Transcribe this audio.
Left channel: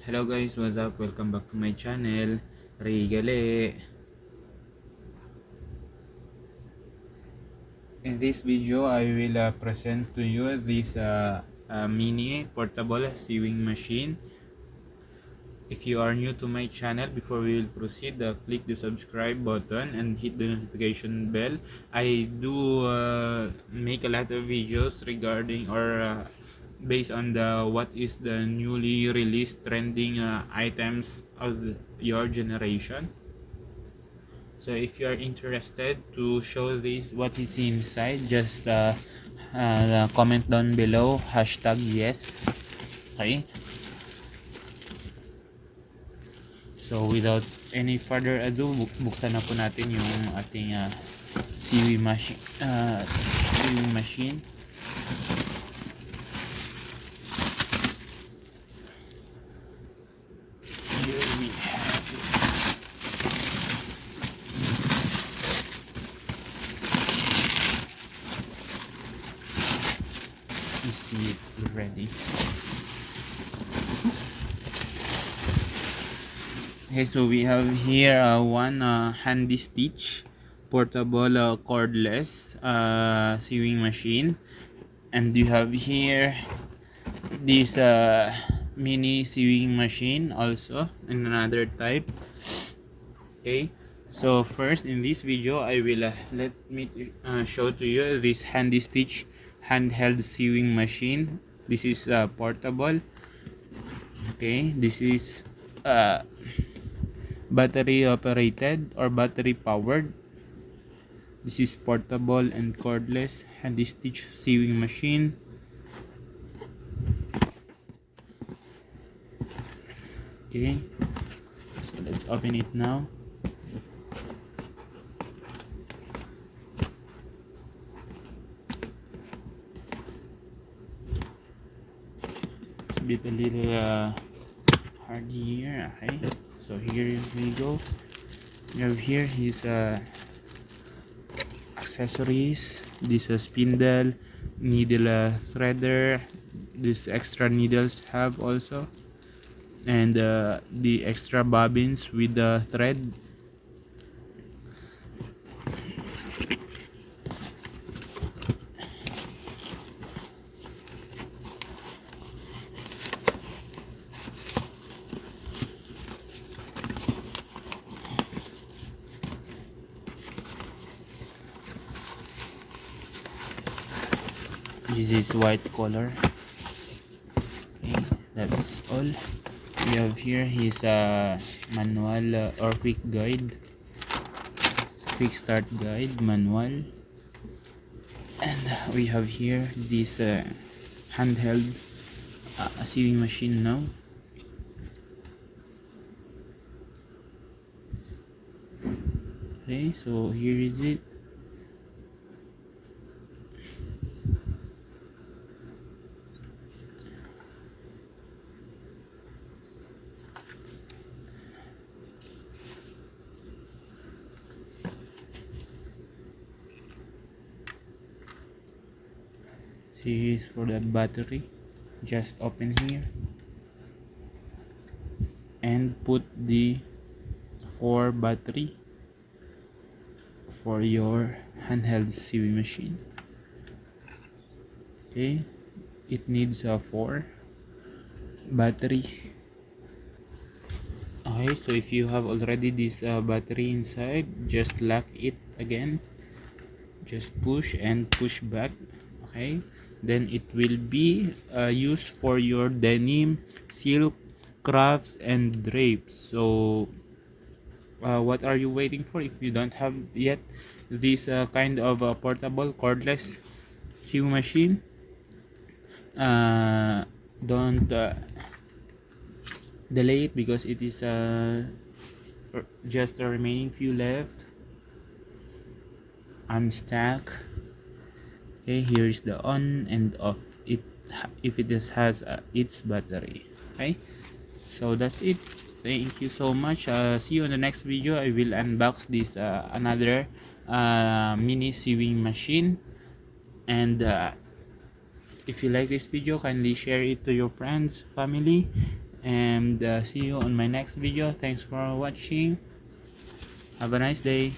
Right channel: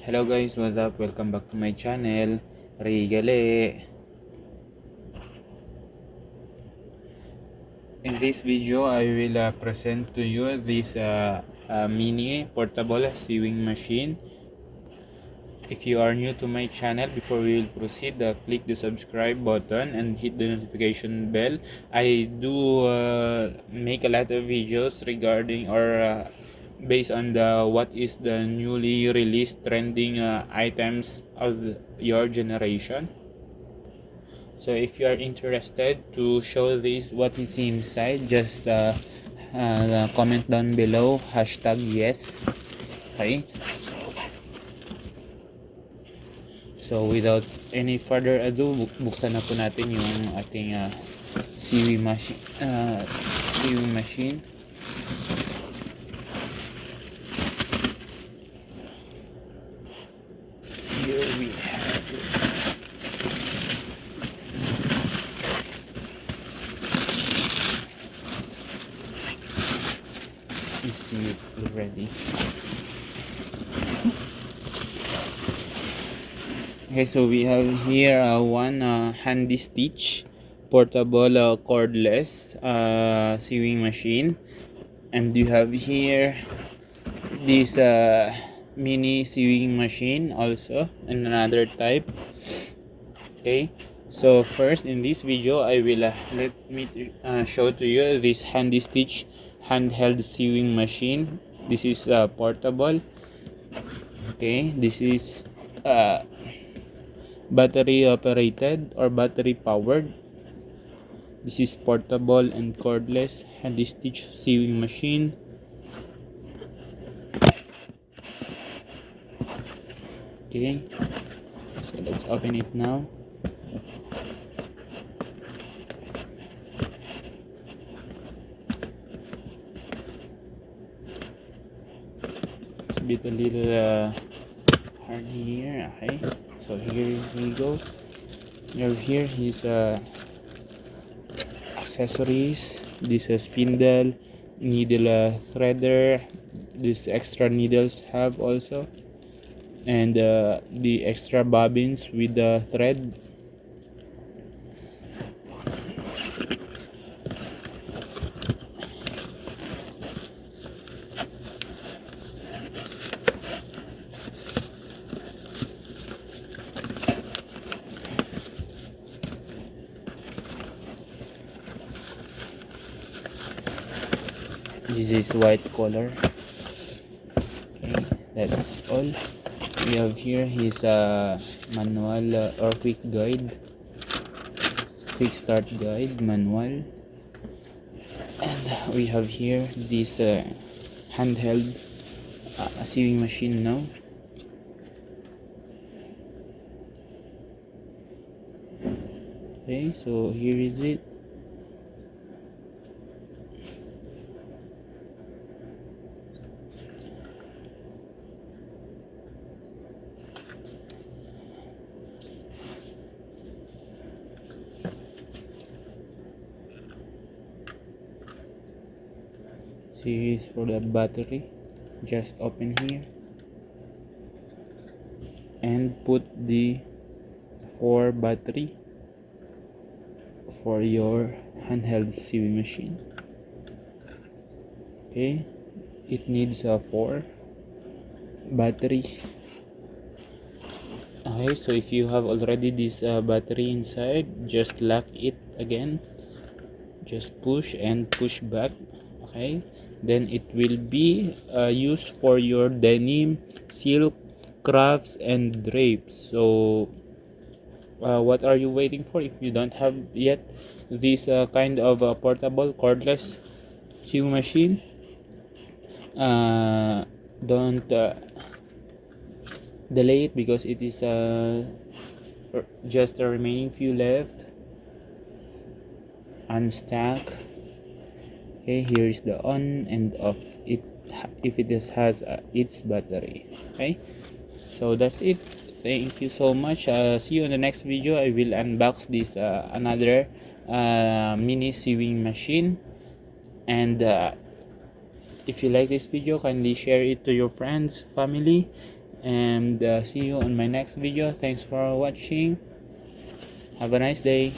Hello guys, what's up? Welcome back to my channel. Rigale. In this video, I will present to you this mini portable sewing machine. If you are new to my channel, before we will proceed, click the subscribe button and hit the notification bell. I do make a lot of videos regarding or based on the what is the newly released trending items of your generation. So if you are interested to show this what is inside, just comment down below #yes. Okay, so without any further ado, buksan na po natin yung ating sewing machine. Here we see it already. Okay, so we have here one handy stitch portable cordless sewing machine, and you have here this mini sewing machine also, and another type. Okay, so first in this video I will let me show to you this handy stitch handheld sewing machine. This is portable. Okay, this is battery operated or battery powered. This is portable and cordless handy stitch sewing machine. Okay, so let's open it now. It's a bit a little hard here. Okay, so here we go. We have here his accessories. This spindle, needle threader. These extra needles have also, and the extra bobbins with the thread. This is white color. Okay, that's all. We have here his manual or quick start guide manual, and we have here this handheld sewing machine now. Okay, so here is it. Series for the battery, just open here and put the 4 battery for your handheld sewing machine. Okay, it needs a 4 battery. Okay, so if you have already this battery inside, just lock it again, just push and push back. Okay, then it will be used for your denim, silk, crafts, and drapes. So what are you waiting for? If you don't have yet this kind of portable cordless sewing machine, don't delay it, because it is just the remaining few left. Unstack. Okay, here is the on and off it if it just has its battery. Okay, so that's it. Thank you so much. See you in the next video. I will unbox this another mini sewing machine, and if you like this video, kindly share it to your friends, family, and see you on my next video. Thanks for watching. Have a nice day.